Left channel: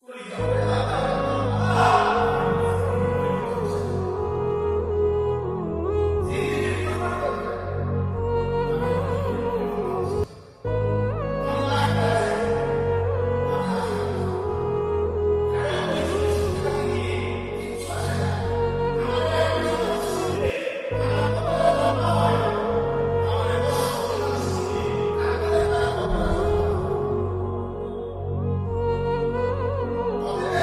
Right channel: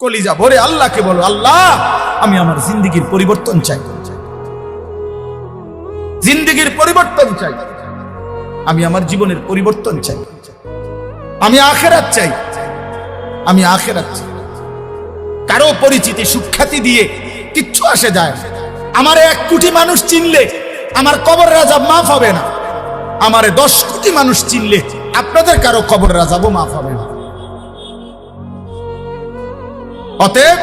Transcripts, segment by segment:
কলিজা ভরে আল্লাহকে বলো, আল্লাহ আমি আমার জিন্দেগির পরিবর্তন চাই, জিন্দেগির পরিবর্তন চাই, আমি আমার জীবনের পরিবর্তন চাই, আমি আখিরাত চাই, আমি আখিরাত চাই। কারো পরিচিতি সুখ্যাতি দিয়ে কিচ্ছু আসে যায় না। আমার 1 কোটি মানুষ চিনলে আমার কবরের আযাব মাফ হবে না, আমারে 10 কোটি মানুষ চিনলে আপনাদের কারো কবরের আযাবও মাফ হবে না। অতএব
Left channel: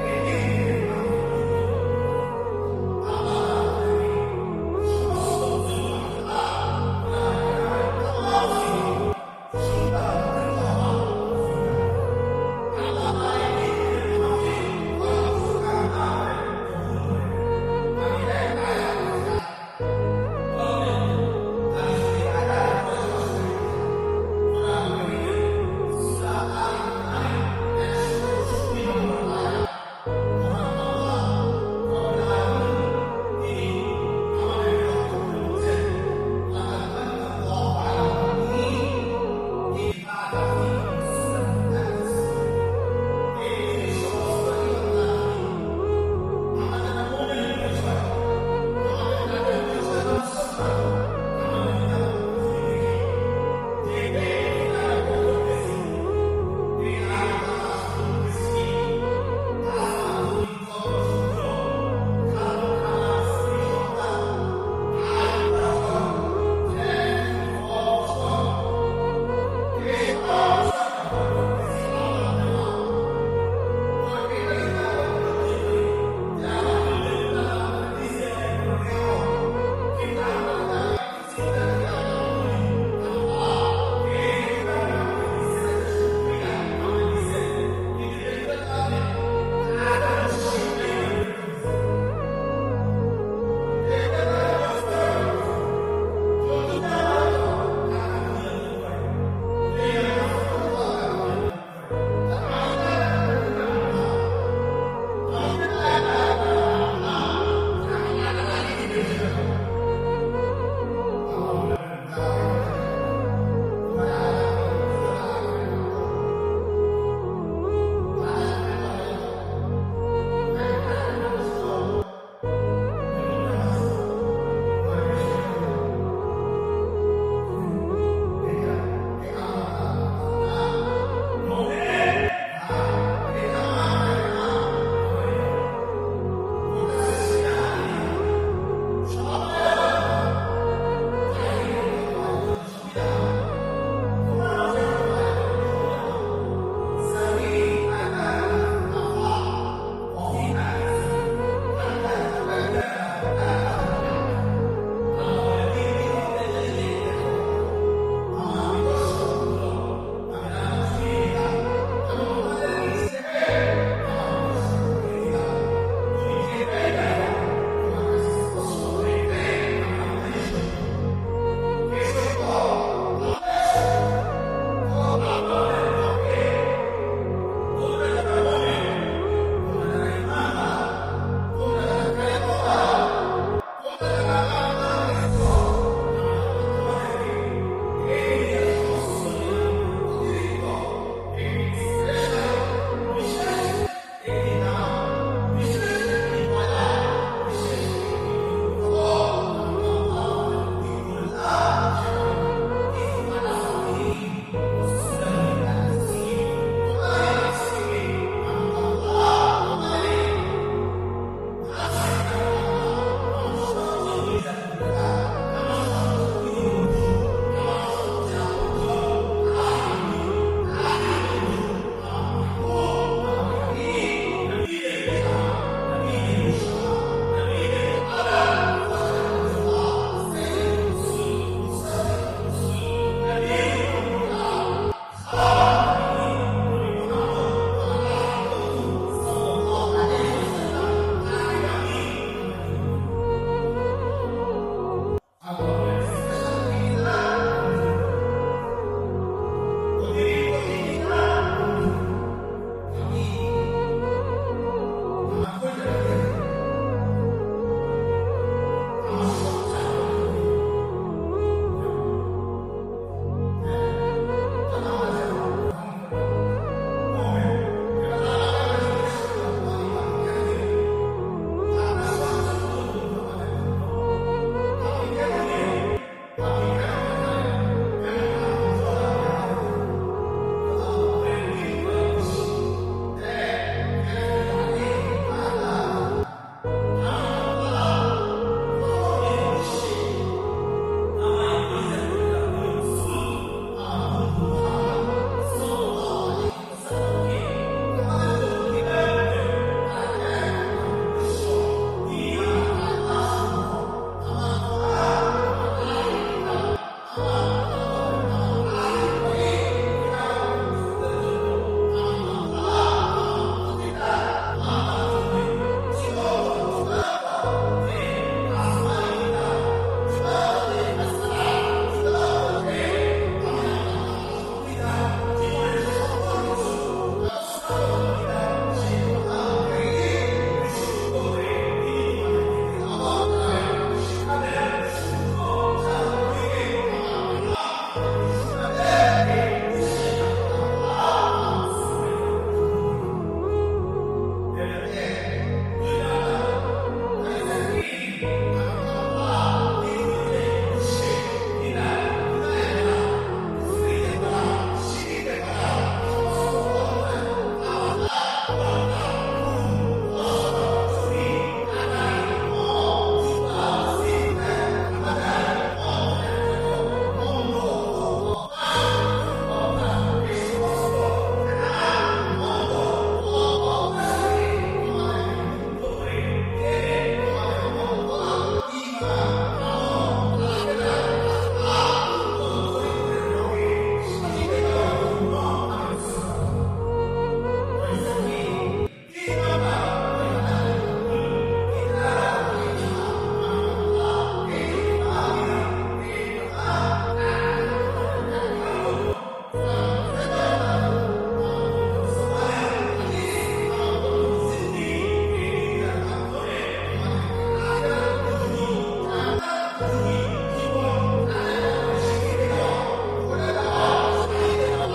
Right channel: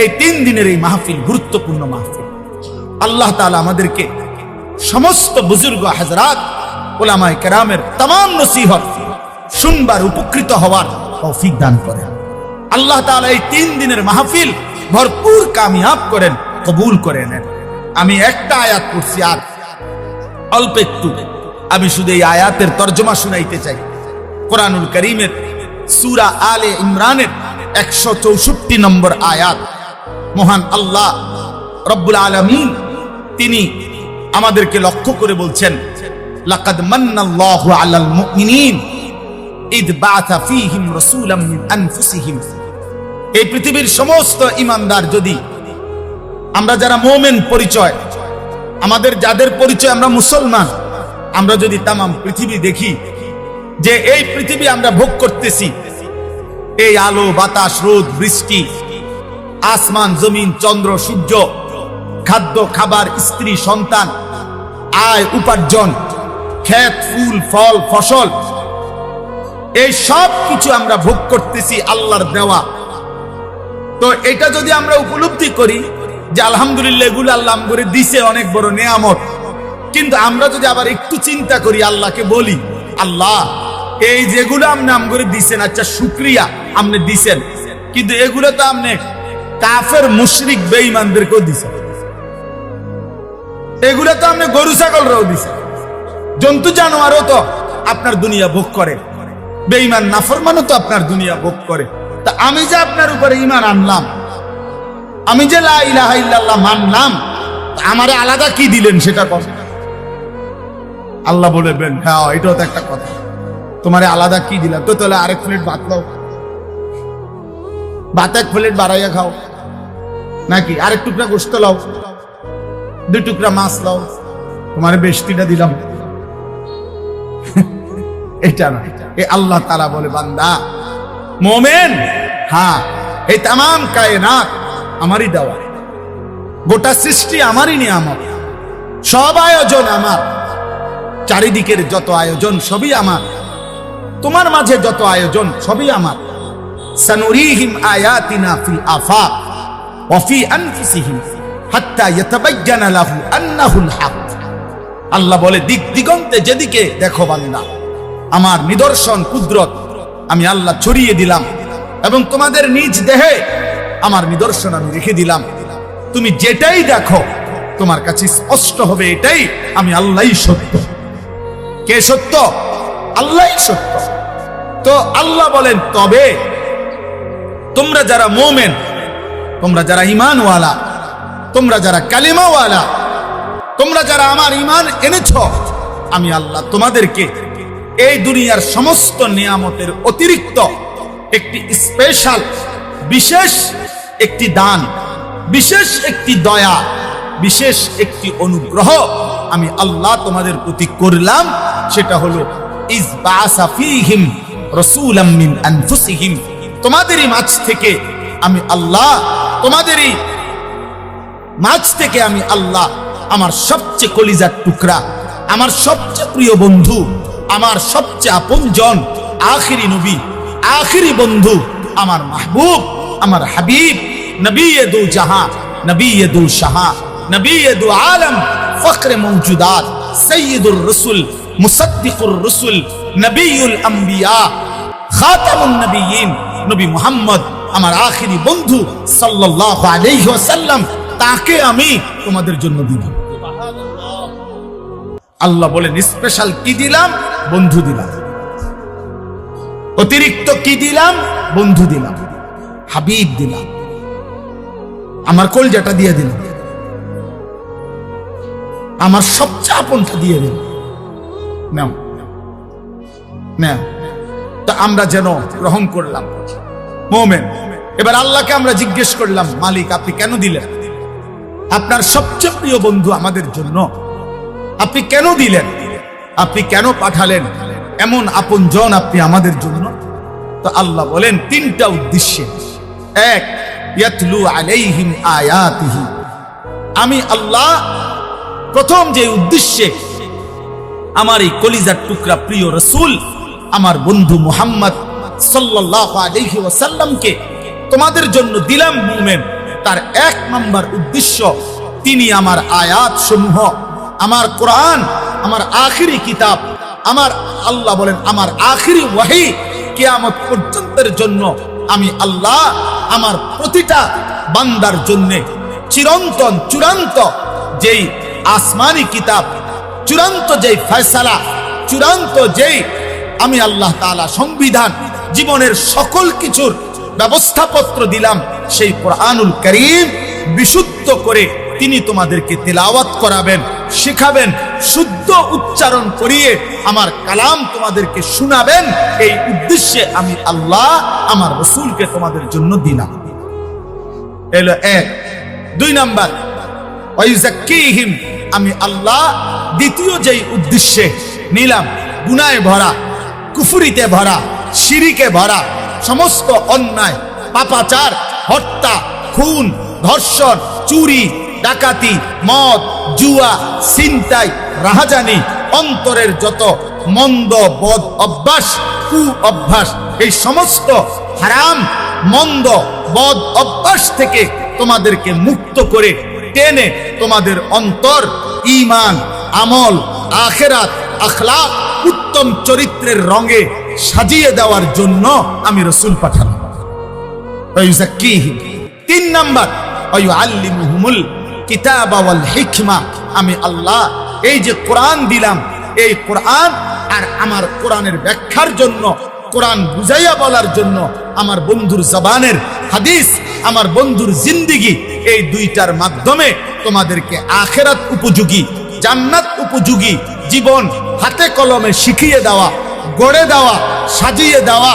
এই 3 দিনের এই মাহফিল গুরুত্বপূর্ণ মাহফিল। আল্লাহ তাআলা আমাদেরকে সমস্ত বুজুর্গ হযরত উলামায়ে কেরামের तमाम নসিহত শুনবার, উপকৃত হওয়ার তৌফিক দান করেন। আল্লাহ তাআলা এই 3 দিনের মাহফিল ভরপুর কামিয়াব করেন, কবুল করে নেন। আমি একটা আয়াত পড়ছি, আর অল্প একটু আমি শুধু এই আয়াতের তরজমা শুনাইতে চাই। কোরআনুল কারীমের সূরা আলে ইমরানের 164 নম্বর আয়াত। মহান আল্লাহ রব্বুল আলামিন তিনি আমাদেরকে লক্ষ্য করে বলছেন, লাকাদ মান্নাল্লাহু আলাল মুমিনিন ইদ বাআথা ফীহিম রাসূলাম মিন আনফুসিহিম। এই পৃথিবীর সমস্ত ঈমানদার, যদি আমরা যারা মুমিন পরিচয়, আমাদের যাদের পরিচয় আমরা মুসলমান, আমরা যদি তাম পৃথিবী দেখি, যে এই পৃথিবী আমরা ভোগ করতেছি, এই আলো বাতাস রোদ বৃষ্টি, আসমান জমিন চন্দ্র সূর্য, খাদ্য খাবার স্ত্রী সন্তান, আয় উপার্জন, ক্ষেত ফুল ফল ফসল, এই সব কিছু আমরা ভোগ করতেছি আল্লাহর দেওয়া। তো এটা যদি আমরা উপলব্ধি করি যে আলহামদুলিল্লাহ এগুলো আল্লাহ করে দিছে, অনেক বড় নেয়ামত, কিন্তু আমরা যদি আবার একটু চিন্তা করি, আল্লাহকে বলি, আল্লাহ এই যেগুলো আপনি আম করে দিছেন, আচ্ছা শুকরিয়া আপনি দিছেন, কিন্তু এগুলো তো আপনি কাফের মুশরিক বেঈমানদেরকেও দিছেন, এগুলো তো আপনি গরু ছাগলরাও দিছেন, জন্তু জানোয়ারও তো আপনার দুনিয়া ভোগ করে, বেঈমান নাফরমানও তো আপনার দুনিয়া ভোগ করে। তা আমি যে আপনার উপরে ঈমান আনলাম, আমি যে লা ইলাহা ইল্লাল্লাহ মানলাম, আমারে আলাদা কি দিলেন সেটা কথা। আল্লাহ বলবেন, হ্যাঁ এটাও তো একটা কথা, তোমারে আলাদা কি দিলাম, তো তাহলে আরেক প্লেট ভাত দাও, ভাত 1 প্লেট বাড়াইয়া খাও, নাকি আরেক টুকরা গোশত লাও, 2 টুকরা মাছ লাও, তোমারে বেশটিটা দিলাম। এটা না, এ আল্লাহ তাআলা বলে, বান্দা মুমিন, হ্যাঁ এই तमाम কায়নাত আমারই দেওয়া, গোটা সৃষ্টি আমারই নিয়ামত, সব আয়োজন আমার, চারিদিকের যত আয়োজন সবই আমার, তোমার মাঝে যত আয়োজন সবই আমার। সানুরিহিম আয়াতিনা ফিল আফাক ওয়া ফি আনফুসিহিম হাত্তা ইয়াতাবায়্যানা লাহু আন্নাহুল হক। আল্লাহ বলে, দিক দিগন্তে যেদিকে দেখো বান্দা, আমার নিদর্শন কুদরত আমি আল্লাহ ছড়িয়ে দিলাম, এবং তোমাদের নিজ দেহে আমার নিদর্শন আমি রেখে দিলাম। তুমি যেটাই দেখো তোমার কাছে স্পষ্ট হবে এটাই আমি আল্লাহই সত্য। কে সত্য? আল্লাহই সত্য। তো আল্লাহ বলেন, তবে তোমরা যারা মুমিন, তোমরা যারা ঈমানওয়ালা, তোমরা যারা কালিমাওয়ালা, তোমরা যারা আমার ঈমান এনেছ, আমি আল্লাহ তোমাদেরকে এই দুনিয়ার সমস্ত নিয়ামতের অতিরিক্ত একটি স্পেশাল, বিশেষ একটি দান, বিশেষ একটি দয়া, বিশেষ একটি অনুগ্রহ আমি আল্লাহ তোমাদের প্রতি করলাম। সেটা হলো ইজ বাআসা ফীহিম রাসূলাম মিন আনফুসিহিম। তোমাদেরই মাঝ থেকে আমি আল্লাহ, তোমাদেরই মাঝ থেকে আমি আল্লাহ আমার সবচেয়ে কলিজার টুকরা, আমার সবচেয়ে প্রিয় বন্ধু, আমার সবচেয়ে আপনজন, আখিরি নবী, আখিরি বন্ধু, আমার মাহবুব, আমার হাবিব, নবীদু জাহান, নবীদু শাহা, নবীদু আলম, ফখরে মওজুদাত, সৈয়দুর রসুল, মুসাদ্দিকুর রসুল, নবীউল আম্বিয়া, খাতামুন নবিয়্যিন, নবী মুহাম্মদ আমার আখিরি বন্ধু সাল্লাল্লাহু আলাইহি ওয়াসাল্লাম, তাকে আমি তোমাদের জন্য দিলাম। আল্লাহ বলেন, স্পেশাল কি দিলাম? বন্ধু দিলাম। অতিরিক্ত কি দিলাম? বন্ধু দিলাম, হাবিব দিলাম, আমার কলজাটা দিয়ে দিলাম, আমার সবচেয়ে আপনটা দিয়ে দিলাম। নাও না, তো আমরা যেন গ্রহণ করলাম মুমিন, এবার আল্লাহকে আমরা জিজ্ঞেস করলাম, মালিক আপনি কেন দিলেন? আপনার সবচেয়ে প্রিয় বন্ধু আমাদের জন্য আপনি কেন দিলেন? আপনি কেন পাঠালেন এমন আপনজন আপনি আমাদের জন্য? তো আল্লাহ বলেন তিনটা উদ্দেশ্যে। এক, ইয়াতলু আলাইহিম আয়াতিহি, আমি আল্লাহ প্রথম যে উদ্দেশ্যে আমার এই কলিজার টুকরা প্রিয় রাসূল আমার বন্ধু মুহাম্মদ সাল্লাল্লাহু আলাইহি ওয়াসাল্লামকে তোমাদের জন্য দিলাম মুমিন, তার এক নাম্বার উদ্দেশ্য তিনি আমার আয়াত সমূহ, আমার কোরআন, আমার আখিরি কিতাব, আমার আল্লাহ বলেন আমার আখিরি ওয়াহি কিয়ামত পর্যন্তের জন্য আমি আল্লাহ আমার প্রতিটা বান্দার জন্য চিরন্তন চূড়ান্ত যেই আসমানি কিতাব, চূড়ান্ত যেই ফয়সালা, চূড়ান্ত যেই আমি আল্লাহ তাআলা সংবিধান, জীবনের সকল কিছুর ব্যবস্থাপত্র দিলাম, সেই কোরআনুল কারীম বিশুদ্ধ করে তিনি তোমাদেরকে তেলাওয়াত করাবেন, শেখাবেন, শুদ্ধ উচ্চারণ করিয়ে আমার কালাম তোমাদেরকে শোনাবেন। এই উদ্দেশ্যে আমি আল্লাহ আমার রাসূলকে তোমাদের জন্য দিলাম। এলো এক। দুই নাম্বার, ওয়াইযাক্কিহিম, আমি আল্লাহ দ্বিতীয় যেই উদ্দেশ্যে নিলাম, গুনাহে ভরা, কুফরিতে ভরা, শিরিকে ভরা, সমস্ত অন্যায়, পাপাচার, হত্যা, খুন, ধর্ষণ, চুরি, ডাকাতি, মদ, জুয়া, ছিনতাই, রাহাজানি, অন্তরের যত মন্দ বদ অভ্যাস, কু অভ্যাস, এই সমস্ত হারাম মন্দ বদ অভ্যাস থেকে তোমাদেরকে মুক্ত করে টেনে তোমাদের অন্তর ঈমান, আমল, আখিরাত, আখলাক, উত্তম চরিত্রের রঙে সাজিয়ে দেওয়ার জন্য আমি রাসূল পাঠালাম। তিন নাম্বার, ওয়ায়ুআল্লিমুহুমুল কিতাবা ওয়াল হিকমা, আমি আল্লাহ এই যে কোরআন দিলাম, এই কোরআন আর আমার কোরআনের ব্যাখ্যার জন্য, কোরআন বুঝাইয়া বলার জন্য আমার বন্ধুর জবানের হাদিস, আমার বন্ধুর জিন্দেগি, এই দুইটার মাধ্যমে তোমাদেরকে আখিরাত উপযোগী, জান্নাত উপযোগী জীবন হাতে কলমে শিখিয়ে দেওয়া, গড়ে দেওয়া, সাজিয়ে দেওয়া,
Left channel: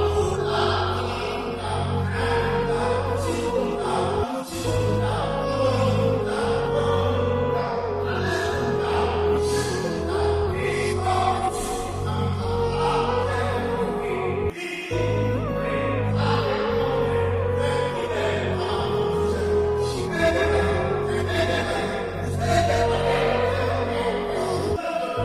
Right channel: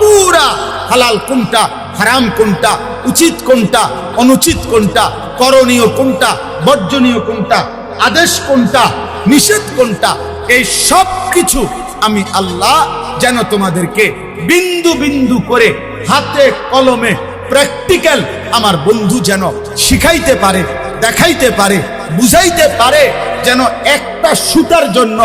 পুরা হালাল কোনটা, হারাম কোনটা, উচিত কোনটা, অনুচিত কোনটা, করণীয় কোনটা, বর্জনীয় কোনটা, আদেশ কোনটা, নিষেধ কোনটা, এই সব কিছু আমি আল্লাহ যেন তোমাদেরকে বিন্দু বিন্দু করে হাতে কলমে প্র্যাকটিক্যাল আমার বন্ধু যেন শিখাইতে পারে, দেখাইতে পারে, বুঝাইতে পারে, যেন একটা সুতার জন্য,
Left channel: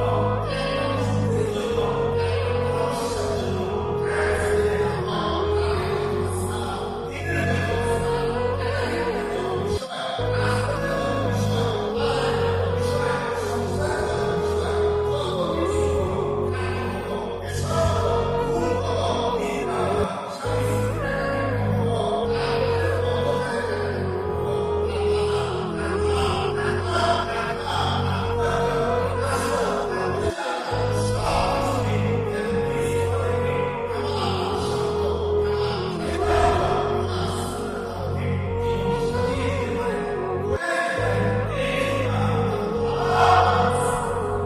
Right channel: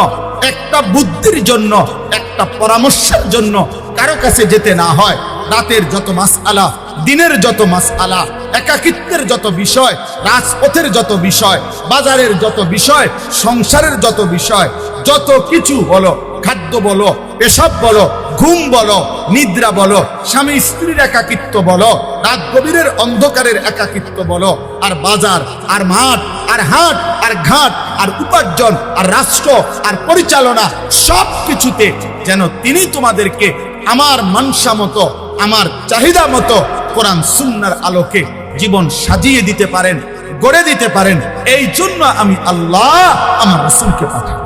একটা বুদ্ধির জন্য, একটা পরামর্শের জন্য কারো কাছে যেতে না হয়। রাতের যত মাসআলা, দিনের যত মাসআলা, একাকিত্বের যত বিষয়, রাজপথের যত বিষয়, বাজারের যত বিষয়, সংসারের যত বিষয়, যত কিছু বলো, খাদ্য বলো, পেশাব বলো, ঘুম বলো, নিদ্রা বলো, স্বামী স্ত্রীর একাকিত্ব বলো, রাত গভীরের অন্ধকারের একাকিত্ব বলো, আর বাজার, আর মাঠ, আর হাট, আর ঘাট, আর উপার্জন, আর রাষ্ট্র, আর পরিচালনা, সব কিছুতে যেন তিনি তোমাদেরকে আমার মানসা মতো, আমার চাহিদা মতো কোরআন সুন্নাহর আলোকে জীবন সাজিয়ে দিতে পারেন, গড়ে দিতে পারেন। এই জন্য আমি আল্লাহ আমার রাসূলকে পাঠাই।